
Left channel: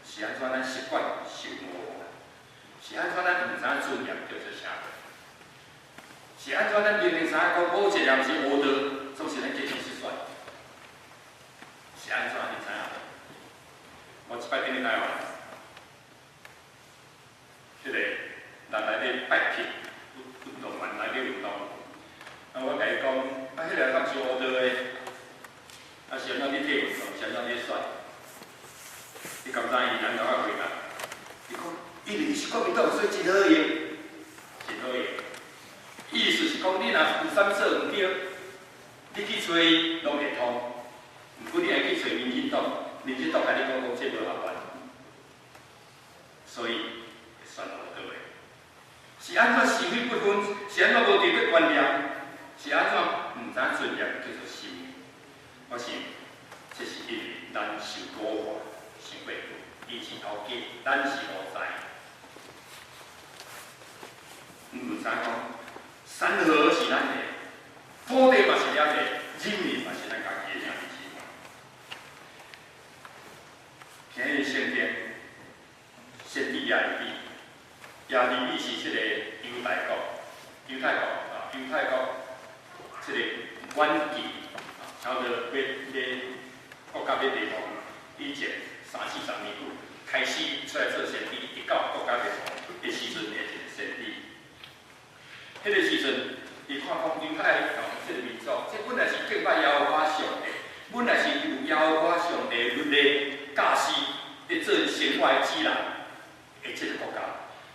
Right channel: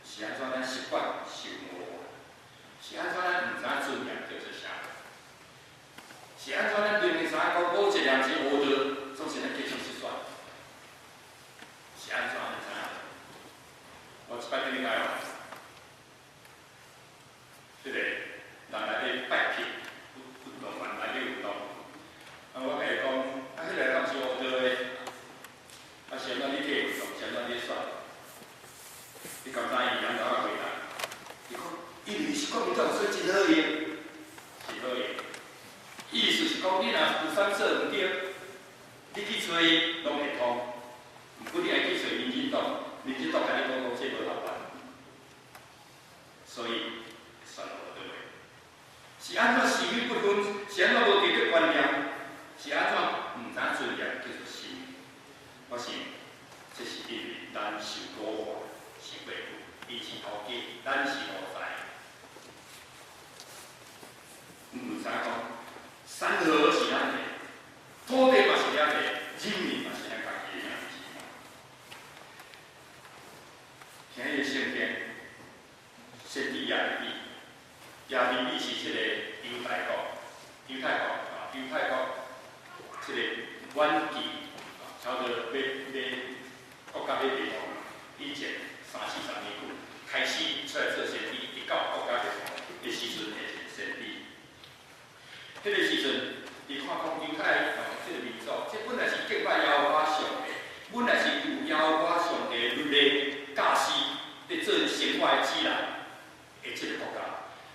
是安怎？咱习惯受模糊，是安怎？咱毋知影尊严叫做啥？是安怎？咱明明知影讲保质量是无道，总是咱继续失算。是安怎？你知影？我一摆顶去台湾，迄个人来咧拜票，运动员来咧运动，我甲伊讲，迄个敢是无道的？是安怎你体运动？是安怎你选？伊敢知伊人甲我回答，伊讲，因为是国民党，所以真好用，真好用。意思是讲，你若有啥做毋对，你去找伊拢会通。毋过你爱去找民进党，民进党甲你讲讲这无合法，所以会选无倒的。是安怎是非不分？是安怎无道德观念？是安怎毋知尊严叫做心？我想，这是因为咱受古化，想袂久，以前头家，咱是无知，毋知讲。山河是咱的，土地嘛是咱的，人民嘛是咱家己的命是嘛。今日圣经，先帝亚利，亚利米是这个犹太国，这个远期，差不多要国家要灭亡以前30-40年久，开始出来做先帝，直到国家灭亡的时阵的一个先帝。迄个时阵，伊看讲犹太人即个民族，这本来是敬拜耶和华上帝，本来是由耶和华上帝律例教示伫做生活的指南的即个国家。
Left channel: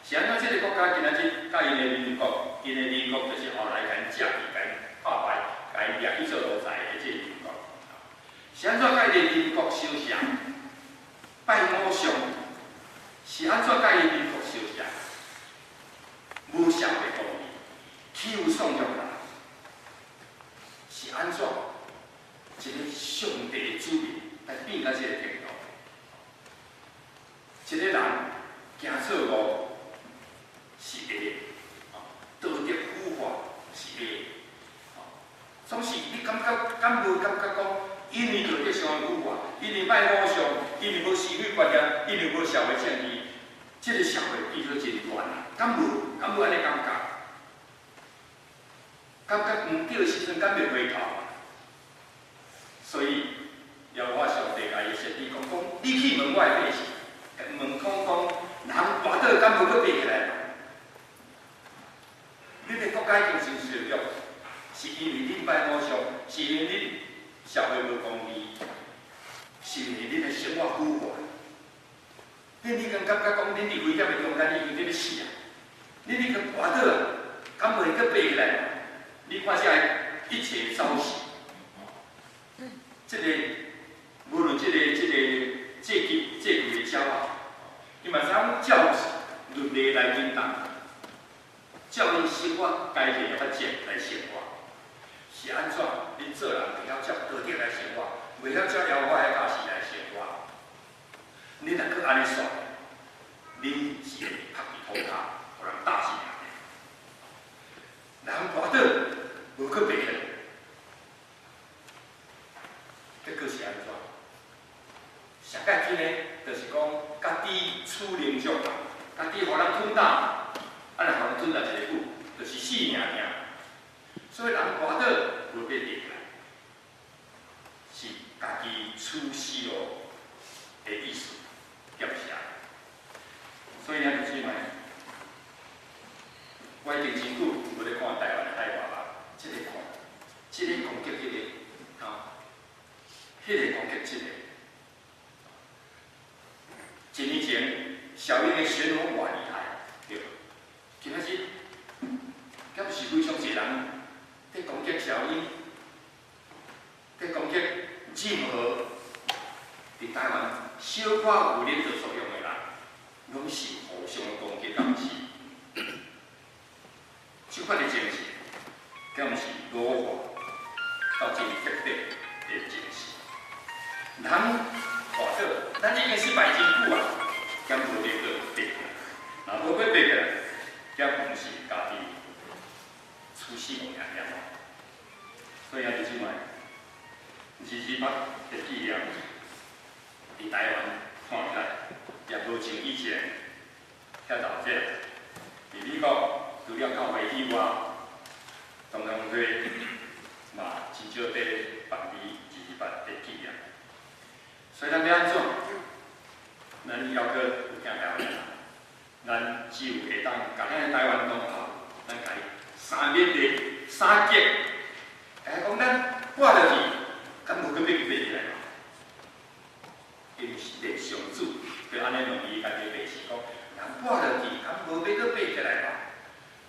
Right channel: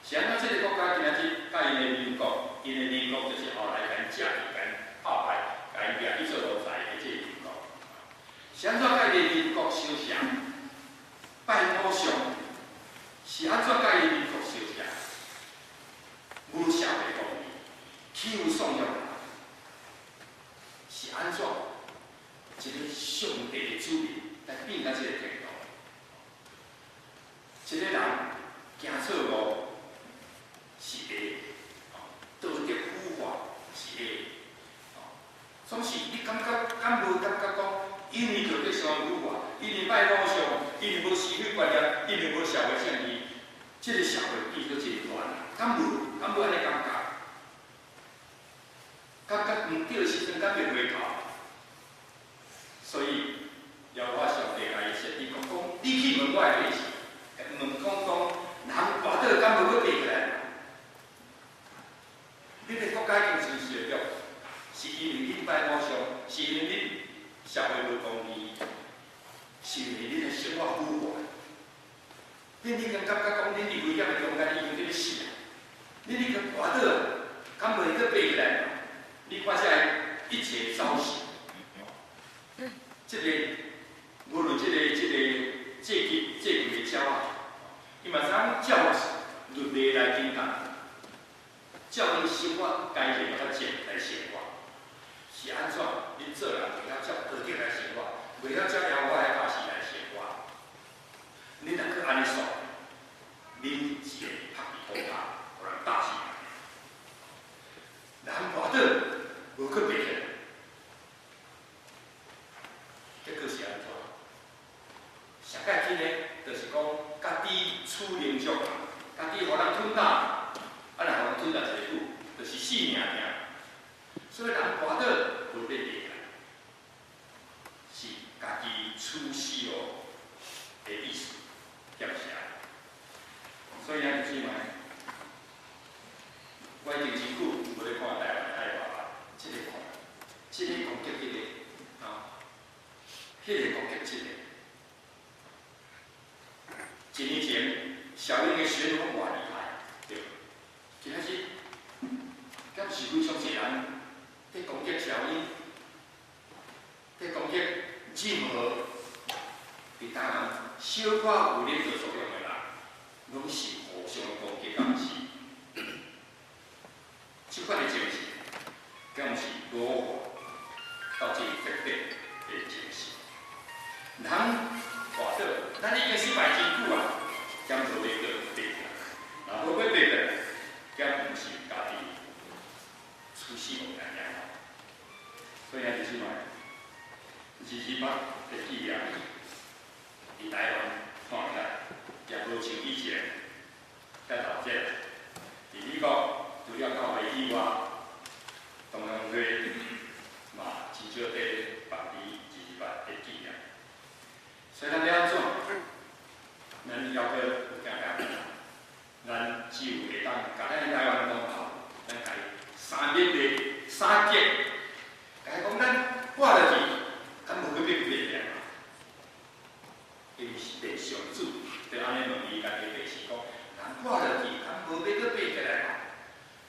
是安怎？即个国家今仔日甲因的民国，因的民国就是后来甲因借去、甲因打败、甲因掠去做奴才的即个民国。是安怎甲因的民国相像？拜偶像，是安怎甲因民国相像？无社会公义。欺负丧弱人，是安怎？一个上帝的子民来变到这个程度？一个人行错路是会，道德腐化是会，总是你敢无感觉讲，因为道德上的腐化，因为拜偶像，因为无是非观念，因为无社会正义，这个社会变做真乱啊！敢无安尼感觉？感觉毋对的时阵，敢袂回头，所以要我上帝甲伊设立讲，你去问我的百姓，问讲人活倒敢无搁爬起来？恁的国家已经受受辱，是因为恁拜偶像，是因为恁社会无公义，是因为恁的生活腐化。恁已经感觉讲，恁伫危险的中间，你已经要死啊！恁已经跌倒啊，敢袂阁爬起来嘛？你看这一切走势，无论这个阶级的骄傲，伊嘛知影照律例来引导，照恁生活该行的法则来生活，是安怎？恁做人袂晓照道德来生活，袂晓照妖怪的假事来生活。你若搁安尼耍，恁是会拍伫土骹，互人打死人。人跌倒，无搁爬起来，结果是安怎？上界天呢，就是讲家己处灵上人，家己互人吞打，啊，若互人吞打一个久，就是死命命。所以人跌倒无要爬起来，是家己处死哦的意思，对不是啊？所以啊，姊妹，我已经真久无咧看台湾海外吧，这个攻击迄个啊，迄个攻击这个。一年前，小英的旋风偌厉害，对，今仔日，敢是非常侪人在攻击小英，在攻击任何伫台湾小可有领导作用的人，拢是互相的攻击，敢是？即款的情形，敢是弱化到这极端的情形。人跌倒，咱已经失败真久啊，敢无要搁爬起来？若无要爬起来，敢毋是家己出死无命命。所以啊，弟兄们，28的纪念，伫台湾看起来也无像以前遐闹热。伫美国除了教会以外，同样会嘛真少在办理28的纪念。所以咱要安怎？咱要搁有听台湾人，咱只有会当甲咱台湾同胞，咱甲伊三面的三结，甲伊讲咱活落去，咱无去要爬起来嘛。因为上主就安尼容易家己白是讲，人活落去，敢无要搁爬起来嘛？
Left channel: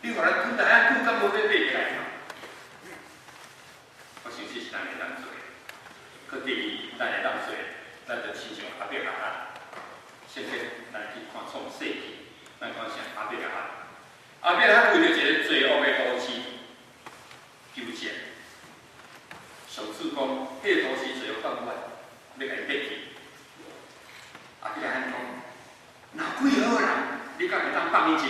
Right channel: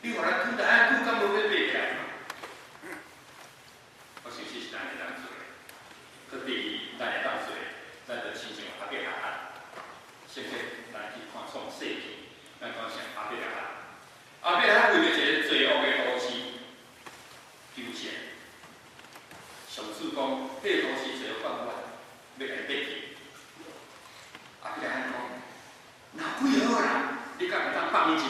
你互咱吞来安久，敢无要爬起来嘛？我相信是咱会当做。可第二，咱会当做。咱就亲像阿伯阿汉，先咱去看创世纪，咱看像阿伯阿汉。阿伯阿汉为了一个罪恶的都市纠结，上主讲，迄个都市罪恶放远，要来灭去。阿伯阿汉讲，若几好人，你敢会当放伊一马，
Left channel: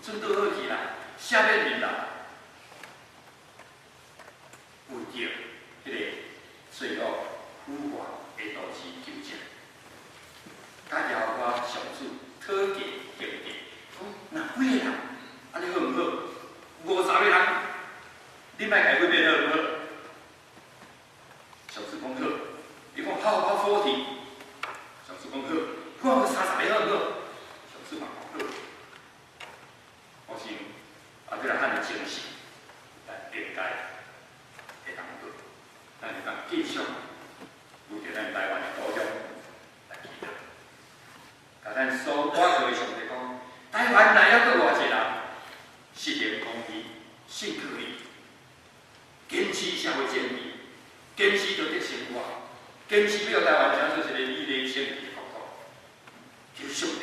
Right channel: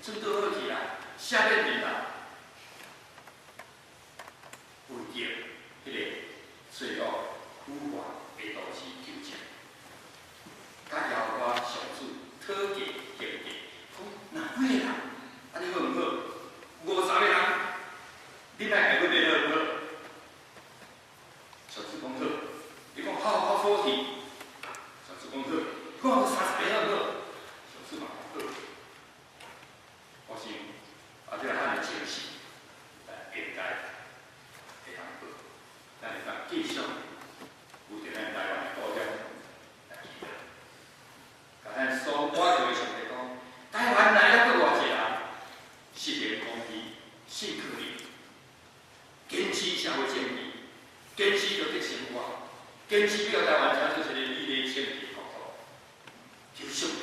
准倒好去啦，下面面啦，为着迄个罪恶腐化。的都市纠结，甲邀我上主讨价还价，讲若几个人，安尼好毋好？50个人，你莫家己变好毋好？上主讲好，伊讲好40，上主讲好，我30个好毋好？上主嘛讲好。我想，这个汉的精神，咱应该会当做，咱会当继续。有伫咱台湾的高中来记得，甲咱所我做的上帝讲，台湾来了搁偌济人，实行公义、信靠你，坚持社会正义，坚持着得生活，坚持要台湾成做一个美丽清洁的国度，求上帝